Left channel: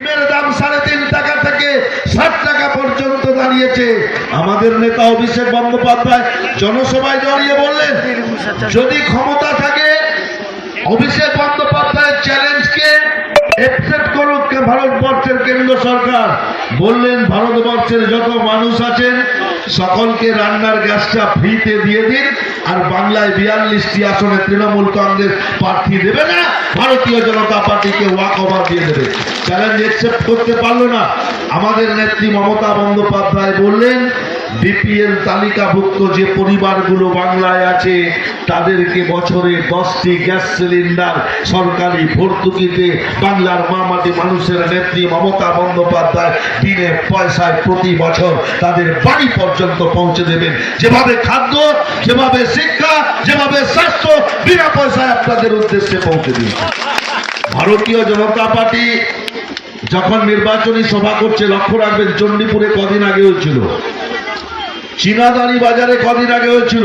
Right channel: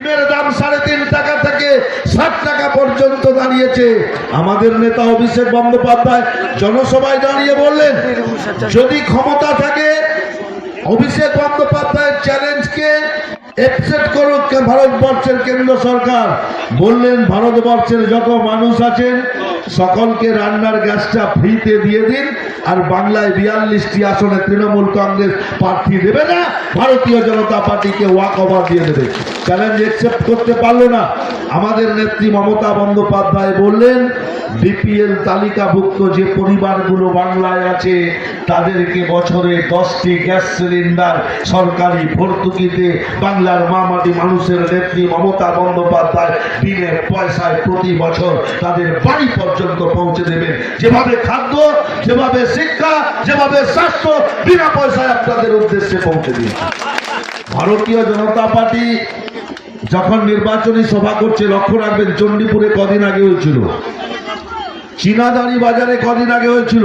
দাম 3.5 টাকা থেকে 60 টাকা পর্যন্ত দাঁড়িয়েছে। আমাদের নেতা অভিষেক বন্দ্যোপাধ্যায় জনসভায় দাঁড়িয়ে বললেন, যদি ক্ষমতা থাকে অভিষেক বন্দ্যোপাধ্যায়ের চ্যালেঞ্জকে একসেপ্ট করুক ভারতবর্ষের কেন্দ্র সরকার। বললেন, ভারতবর্ষের যত মানুষ আছেন সকলকে রান্নার গ্যাসটা ফ্রিতে দিয়ে দিন, আর বাংলায় 42টি আসনে তৃণমূল কংগ্রেস প্রার্থী দেবে না, ভারতীয় জনতা পার্টিকে ওয়াক ওভার দিয়ে দেবে। চ্যালেঞ্জ একসেপ্ট করতে পারলো না। আমাদের নেত্রী মমতা বন্দ্যোপাধ্যায় বললেন, বিপিএল তালিকাভুক্ত যে পরিবারগুলো বাংলায় আছে তাদেরকে বছরে 10টি গ্যাস সিলিন্ডার সরকারি ভর্তুকিতে বাংলার মামাটি মানুষের নেত্রী মমতা বন্দ্যোপাধ্যায় বিনে পয়সায় প্রতি বছর তাদের বাড়ি পর্যন্ত পৌঁছে দেবেন। যেভাবে খাদ্য, যেভাবে শিক্ষা, যেভাবে স্বাস্থ্য বিনা পয়সায় আপনাদের উদ্দেশ্যে পৌঁছে দিন। ভারতীয় জনতা পার্টি যখন নির্বাচনী সভা করছে, লক্ষ্য রাখবেন, চণ্ডীপুরে কদিন আগে হয়েছিল, চীনাদানি বাজারে কদিন আগে হয়েছিল।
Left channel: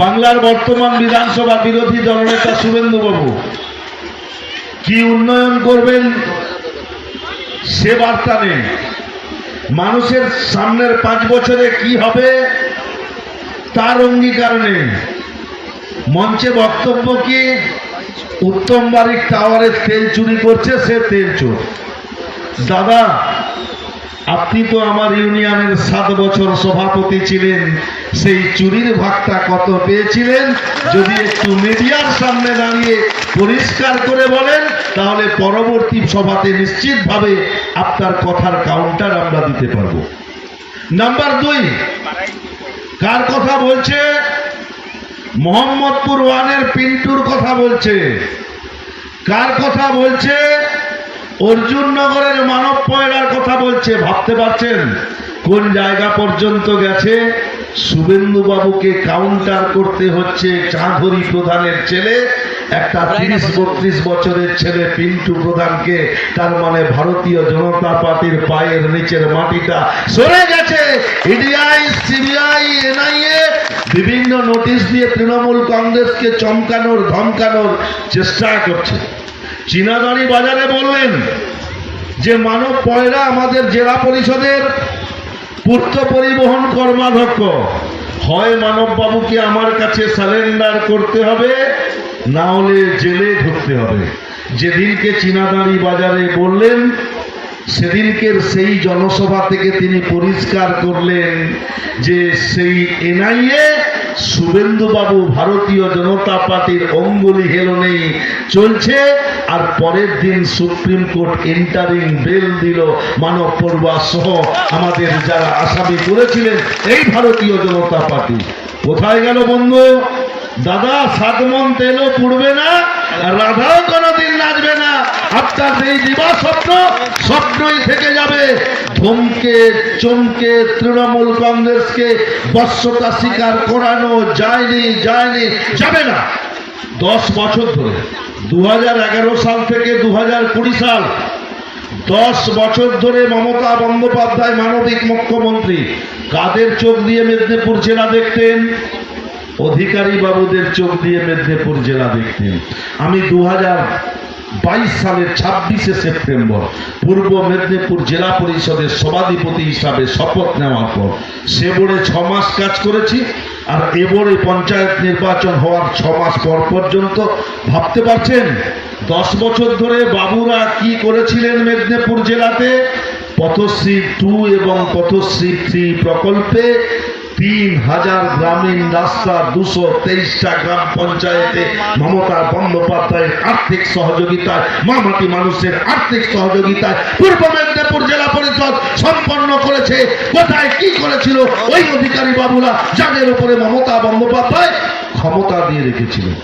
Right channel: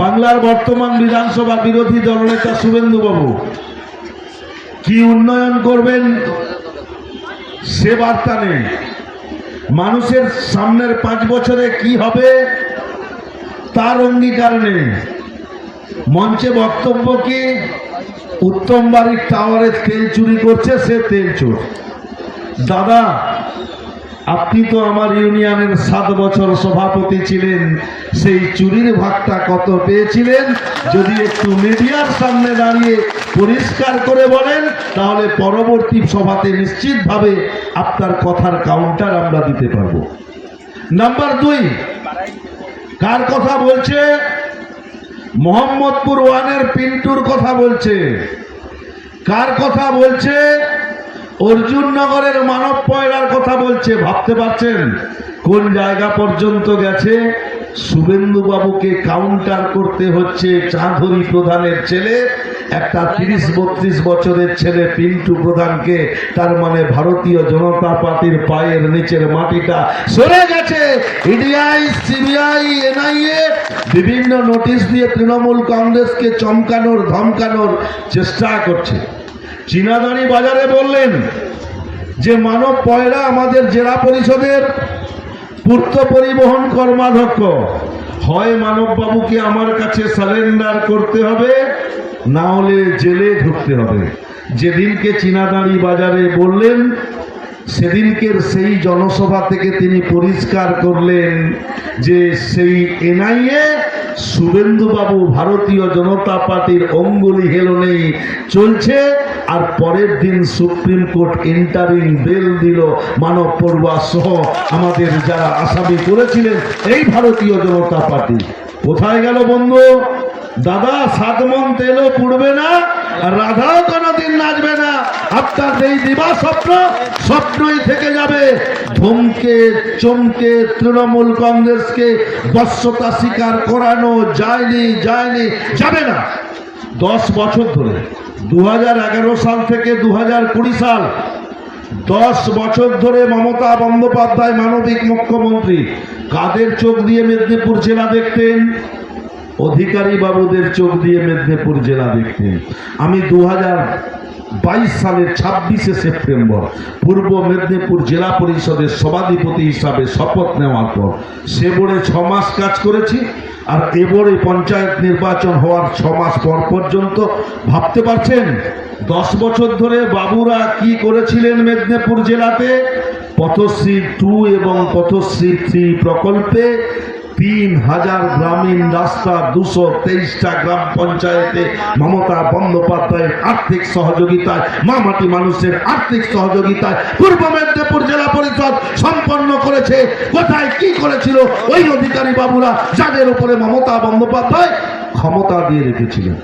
বাংলার বর্তমান বিধানসভা বিরোধী দলনেতা শুভেন্দু বাবু কি উন্নয়ন করবেন সে বার্তা নেই। মানুষের সামনের 5 বছরে কি হবে তার অঙ্গীকার নেই। মঞ্চে বক্তব্য কি, উত্তম বাড়ির টাওয়ারের তেল চুরি করছে, সে তেল চোর। দাদা, আপনি তো আমার ইউনিয়নের 7 বছর সভাপতি ছিলেন, সেই চুরির ভাগটা কত পেয়েছিলেন যদি একটু মিডিয়ার সামনে দাঁড়িয়ে পরিষ্কার করে বলেন, তাহলে পরবর্তী সভাতে নিশ্চিতভাবে আপনার কথার কাউন্টার আমরা দিতে পারবো। নাম্বার 2, কার কথা বলছে? মোহাম্মদপুর 1-এর পিন্টুর কথা বলছে। কার কথা বলছে? অর্জুননগরের মানব পয়লার কথা বলছে। ভাবতে পারছেন কোন জায়গা পর্যন্ত গেছে? শুভেন্দু বাবুকে কাউন্টার করতে হচ্ছে চাঁধুরী প্রধানের ছেলে, একটা 30-32 বছরের ছেলে পিন্টু প্রধানকে। তার মানে ভারতীয় জনতা পার্টির পায়ের নিচের মাটিটা সরে গেছে। ইডিআই, সিবিআই, এনআইএ বিভিন্ন নোটিশ দিয়ে তৃণমূল কংগ্রেসকে চমকানোর, ধমকানোর চেষ্টা করছে। চীনাদানি বাজারে বললেন যে মানব পয়লা আমাদের জেলা পরিষদের পূর্ত পরিবহন কর্মাধ্যক্ষ, হয় মানব বাবুকে আমার কাছে সারেন্ডার করতে হবে, না হলে জেলে ঢুকতে হবে। যেদিনকে চীনাদানি বাজারে বললেন, সেদিনকের সেই জনসভা থেকে তিনি পরিষ্কার করলেন যে সেই এনআইএ শুভেন্দু বাবু ভারতীয় জনতা পার্টির অঙ্গুলি হেলনেই চলছে। আর পরের দিন সুপ্রিম কোর্ট ইন্টারিম বেল দিল মানব পড়ুয়া সহ আমাদের যারা আসামি করেছিলেন এই ভারতীয় জনতা পার্টি। কোথায় গেল বন্ধু? দাদা, 7 মণ তেলও পুড়বে না, রাধাও কোনোদিন নাচবে না। আপনার এই দিবা স্বপ্ন স্বপ্নই থেকে যাবে। ধমকে চমকে তৃণমূল কংগ্রেসকে বশ্যতা স্বীকার করানো যায়নি, যাবে না। 10 বছর ধরে, 2011 সাল থেকে 2020 সাল, 10 বছর ধরে মমতা বন্দ্যোপাধ্যায় মানবিক মুখ্যমন্ত্রী। কাদের চোখ দিয়ে মেদিনীপুর জেলা দেখতেন? অধিকারী বাবুদের চোখ দিয়ে মেদিনীপুর জেলা দেখতেন। আমি 2022 সালের 26শে সেপ্টেম্বর পূর্ব মেদিনীপুর জেলা পরিষদের সভাধিপতি হিসাবে শপথ নেওয়ার পর সে বোর্ডে 6 মাস কাজ করেছি, আর এ বোর্ডে পঞ্চায়েত নির্বাচন হওয়ার 6 মাস পর পর্যন্ত। ভাবতে পারছেন 10 বছর ধরে বাবুরা কি করেছিলেন মেদিনীপুর জেলাতে? পথশ্রী 2 এবং পথশ্রী 3 প্রকল্পে 3000 গ্রামীণ রাস্তা, 223টা গ্রাম পঞ্চায়েতে মমতা বন্দ্যোপাধ্যায়ের আর্থিক সহযোগিতায়, মামাটি মানুষের আর্থিক সহযোগিতায় পূর্ব মেদিনীপুর জেলা পরিষদ সম্পন্ন করেছে। কোথায় কি করেছিল ওই অধিকারী বাবুরা, যাদের উপরে মমতা বন্দ্যোপাধ্যায় ক্ষমতা দিয়ে রেখেছিলেন?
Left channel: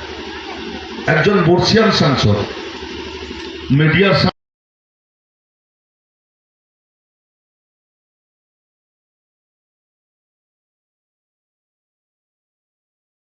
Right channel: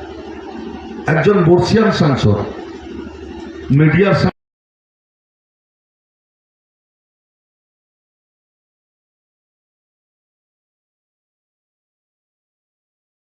একজন বর্ষিয়ান সাংসদ মিডিয়ার